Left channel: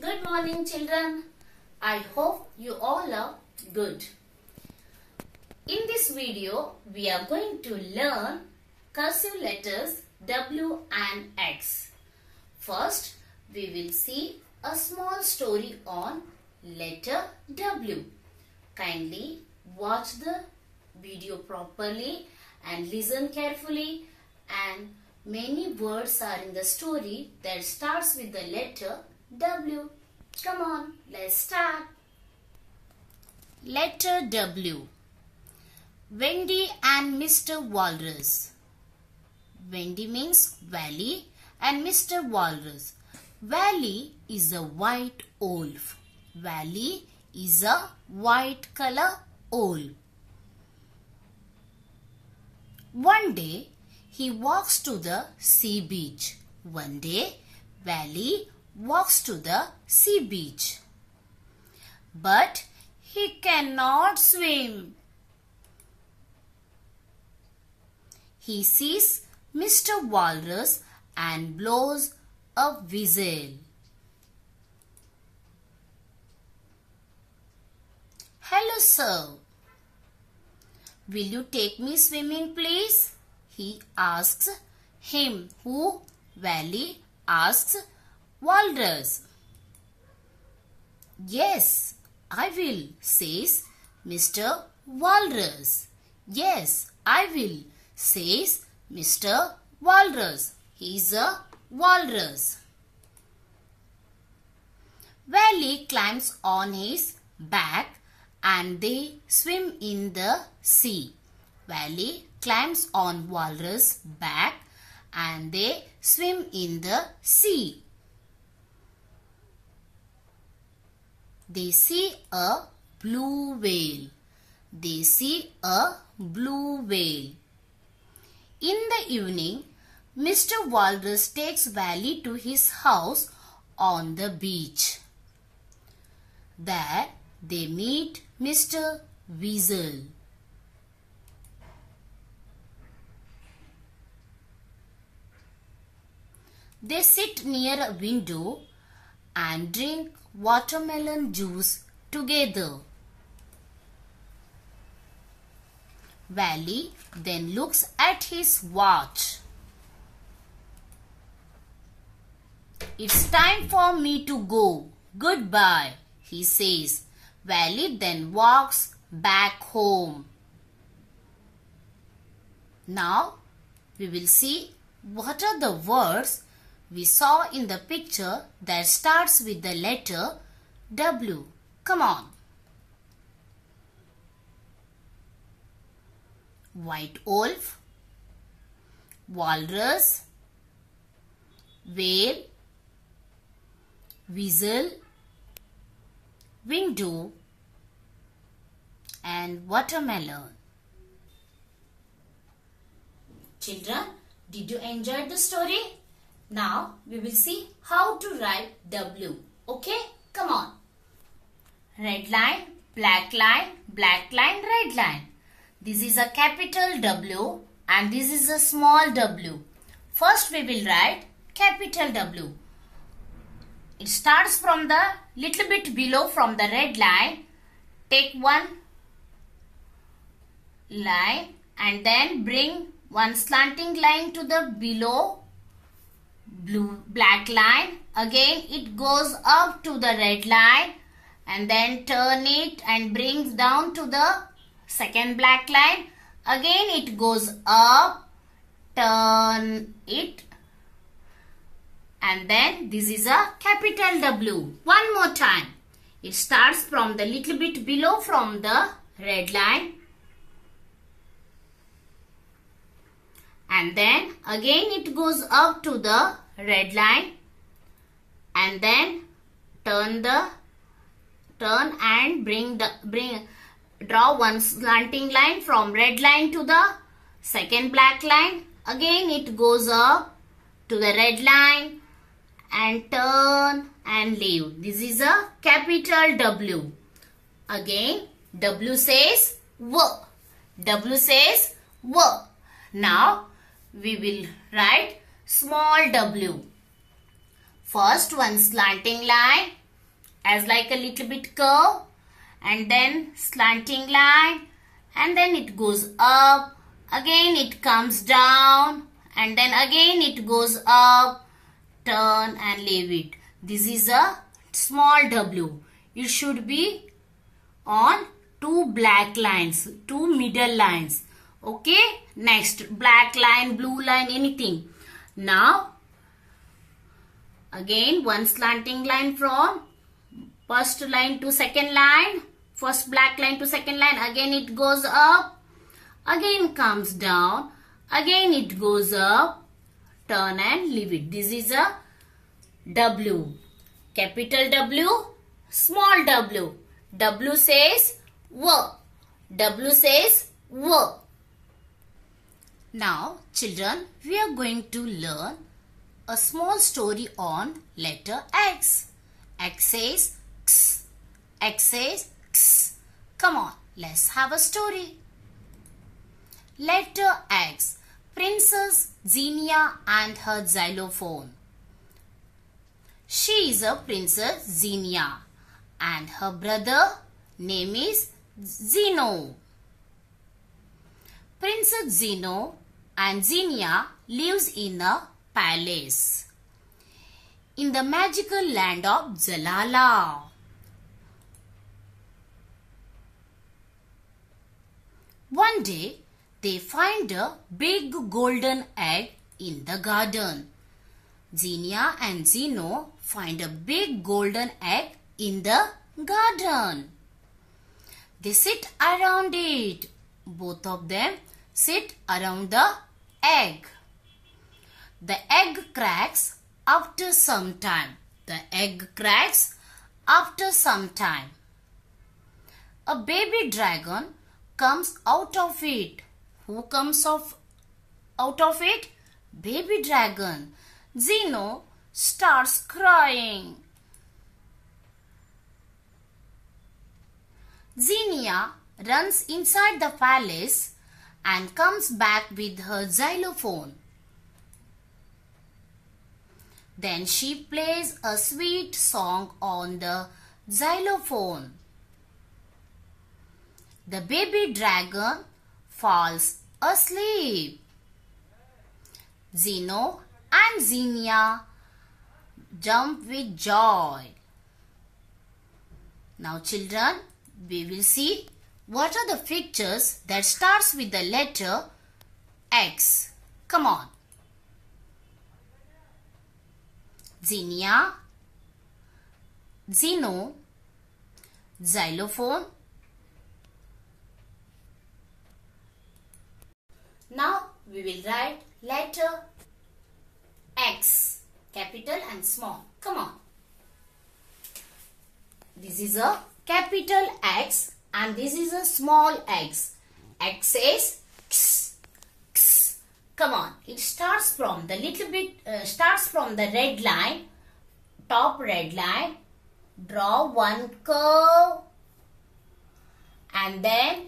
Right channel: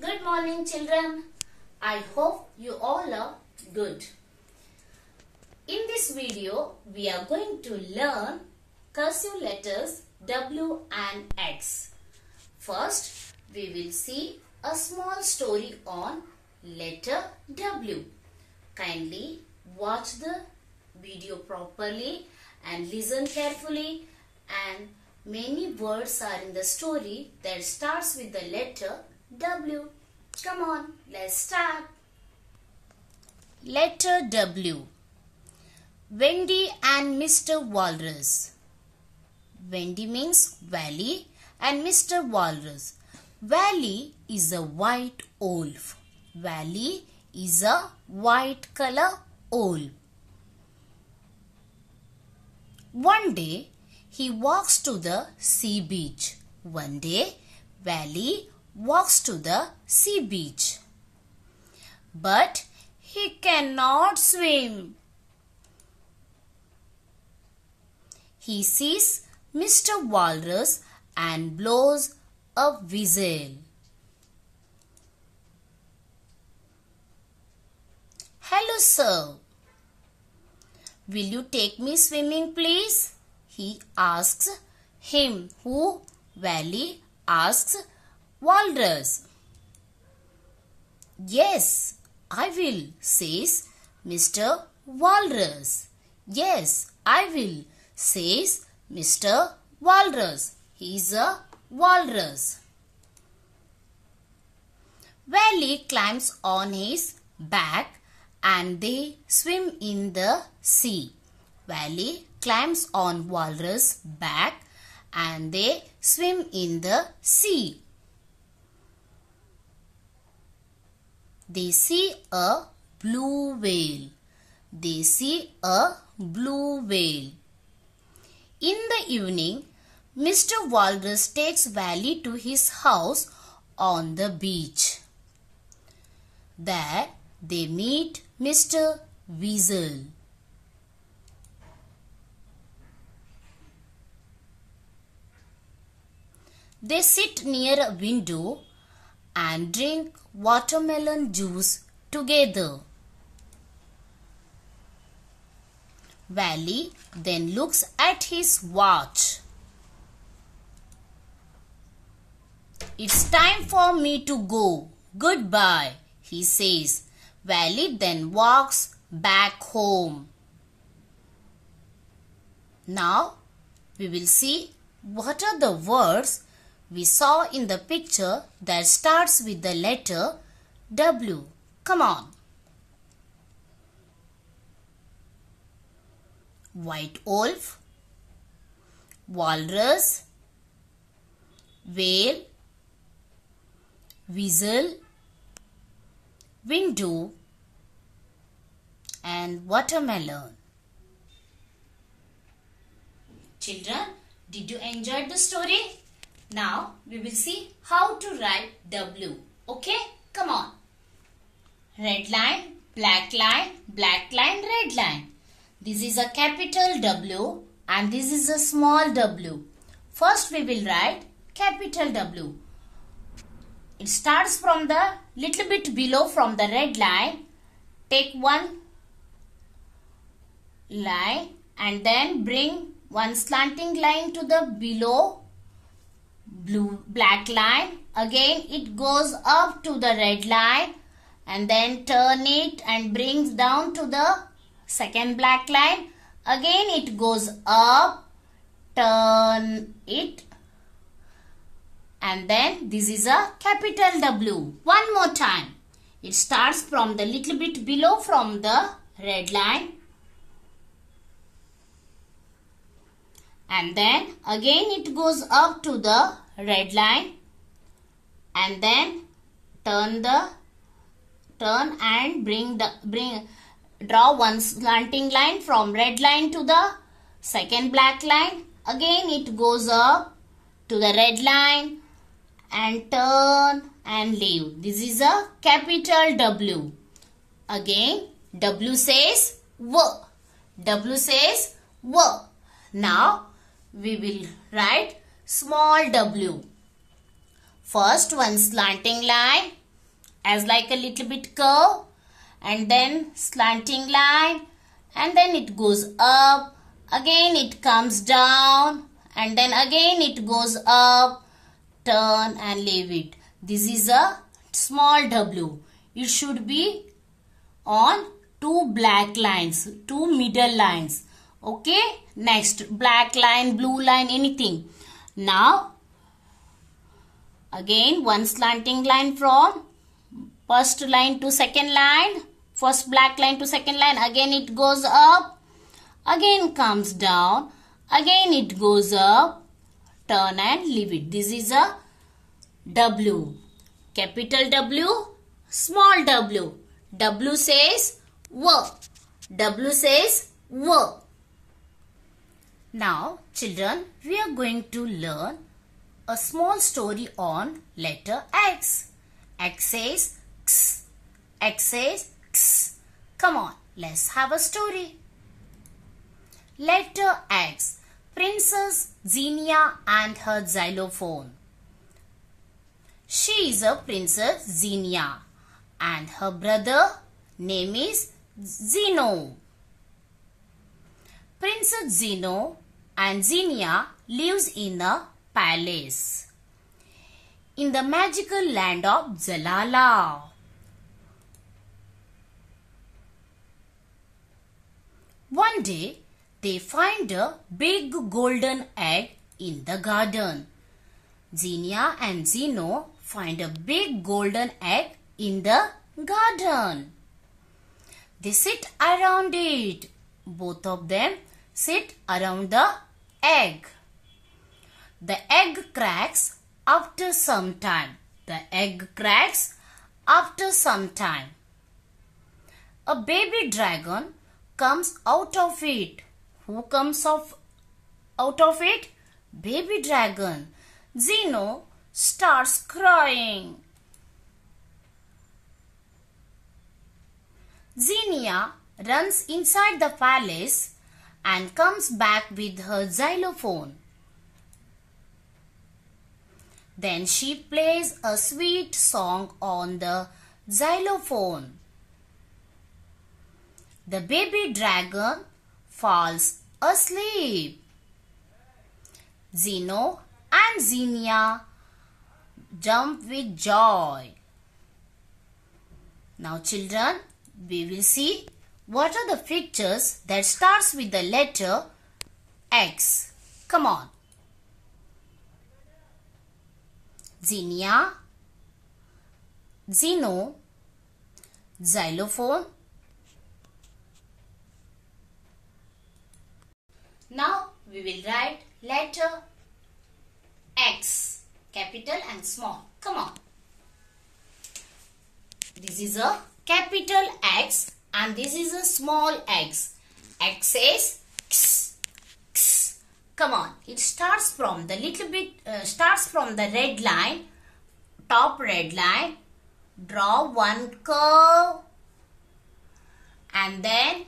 Good morning, children. I hope you all are good. In this video, we are going to learn cursive letters W and X. First, we will see a small story on letter W. Kindly watch the video properly and listen carefully, and many words are in the story that starts with the letter W. Come on, let's start. Letter W. Wendy and Mr. Walrus. Wendy means valley and Mr. Walrus. Valley is a white wolf. Valley is a white color wolf. One day, he walks to the sea beach. One day, Valley walks to the sea beach. But he cannot swim. He sees Mr. Walrus and blows a whistle. Hello, sir. Will you take me swimming, please? He asks him. Who? Valley asks Walrus. Yes, I will, says Mr. Walrus. Yes, I will, says Mr. Walrus. He is a walrus. Valley climbs on his back and they swim in the sea. Valley climbs on Walrus' back and they swim in the sea. They see a blue whale. They see a blue whale. In the evening, Mr. Walrus takes Valley to his house on the beach. There they meet Mr. Weasel. They sit near a window and drink watermelon juice together. Valley then looks at his watch. It's time for me to go. Goodbye, he says. Valley then walks back home. Now we will see what are the words we saw in the picture that starts with the letter W. Come on. White wolf, walrus, whale, whistle, window and watermelon. Children, did you enjoy the story? Now we will see how to write W. Okay? Come on. Red line, black line, red line. This is a capital W and this is a small w. First we will write capital W. It starts from the little bit below from the red line. Take one line and then bring one slanting line to the below black line. Again it goes up to the red line and then turn it and brings down to the second black line. Again it goes up, turn it, and then this is a capital W. One more time. It starts from the little bit below from the red line. And then again it goes up to the red line. And then turn and draw one slanting line from red line to the second black line. Again it goes up to the red line and turn and leave. This is a capital W. Again W says W. W says W. Now we will write small w. First one slanting line as like a little bit curve, and then slanting line, and then it goes up, again it comes down, and then again it goes up, turn and leave it. This is a small W. It should be on two black lines, two middle lines. Okay, next black line, blue line, anything. Now again one slanting line from first line to second line, first black line to second line, again it goes up, again comes down, again it goes up, turn and leave it. This is a W. Capital W, small w. W says W. W says W. Now children, we are going to learn a small story on letter X. X says X. X says X. Come on, let's have a story. Letter X. Princess Xenia and her xylophone. She is a Princess Xenia and her brother name is Zeno. Princess Zeno and Xenia lives in a palace in the magical land of Jalala. One day, they find a big golden egg in the garden. Xenia and Zeno find a big golden egg in the garden. They sit around it. Both of them sit around the egg. The egg cracks after some time. The egg cracks after some time. A baby dragon comes out of it. Who comes out of it? Baby dragon. Zeno starts crying. Xenia runs inside the palace and comes back with her xylophone. Then she plays a sweet song on the xylophone. The baby dragon falls asleep. Zeno and Xenia jump with joy. Now children, we will see what are the pictures that starts with the letter X. Come on. Xenia, Zeno, xylophone. Now we will write letter X, capital and small. Come on. This is a capital X and this is a small x. X says X, X. Come on. It starts from the red line, top red line. Draw one curve and then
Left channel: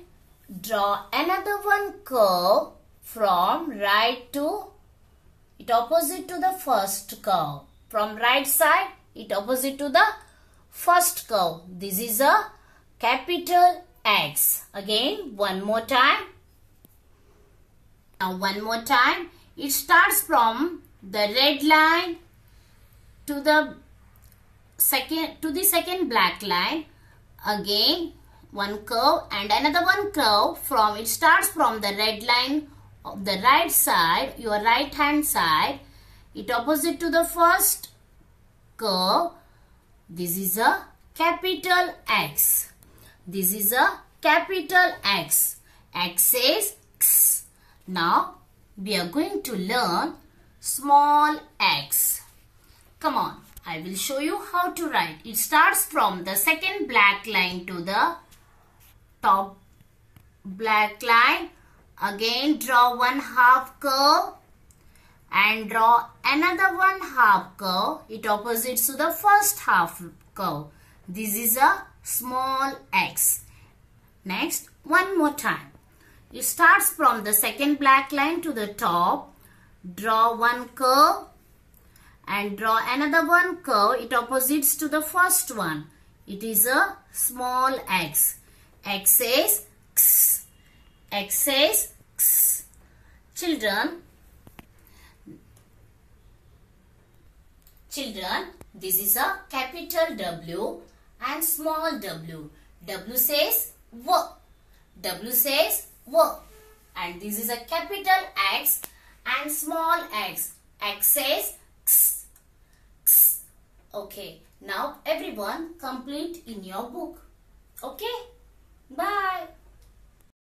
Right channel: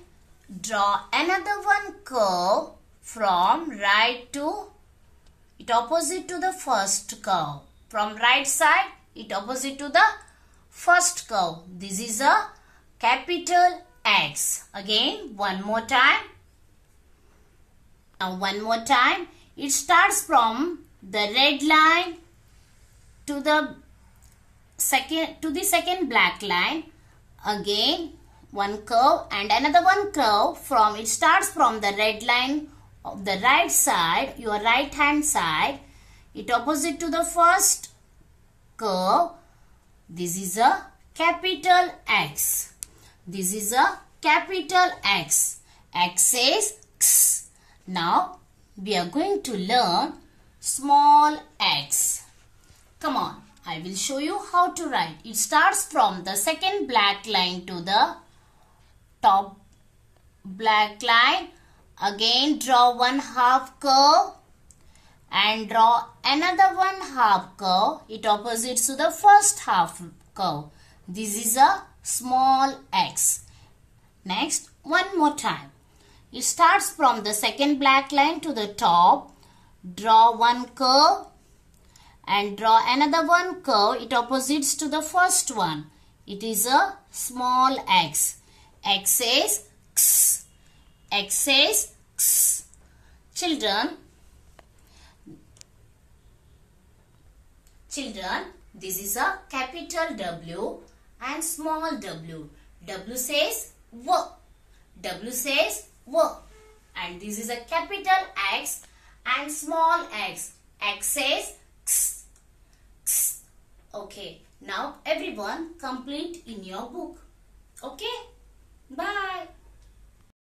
draw another one curve from right to it opposite to the first curve. From right side, it opposite to the first curve. This is a capital X. Again, one more time. Now, one more time. It starts from the red line to the second black line. Again, one curve and another one curve. It starts from the red line of the right side, your right hand side. It opposite to the first curve. This is a capital X. This is a capital X. X says X. Now we are going to learn small x. Come on, I will show you how to write. It starts from the second black line to the top black line. Again draw one half curve and draw another one half curve. It opposites to the first half curve. This is a small x. Next, one more time. It starts from the second black line to the top. Draw one curve and draw another one curve. It opposites to the first one. It is a small x. X says x. X says x. Children, this is a capital W and small w. W says w. W says w. And this is a capital X and small x. X says x. X. Okay. Now everyone complete in your book. Okay. Bye.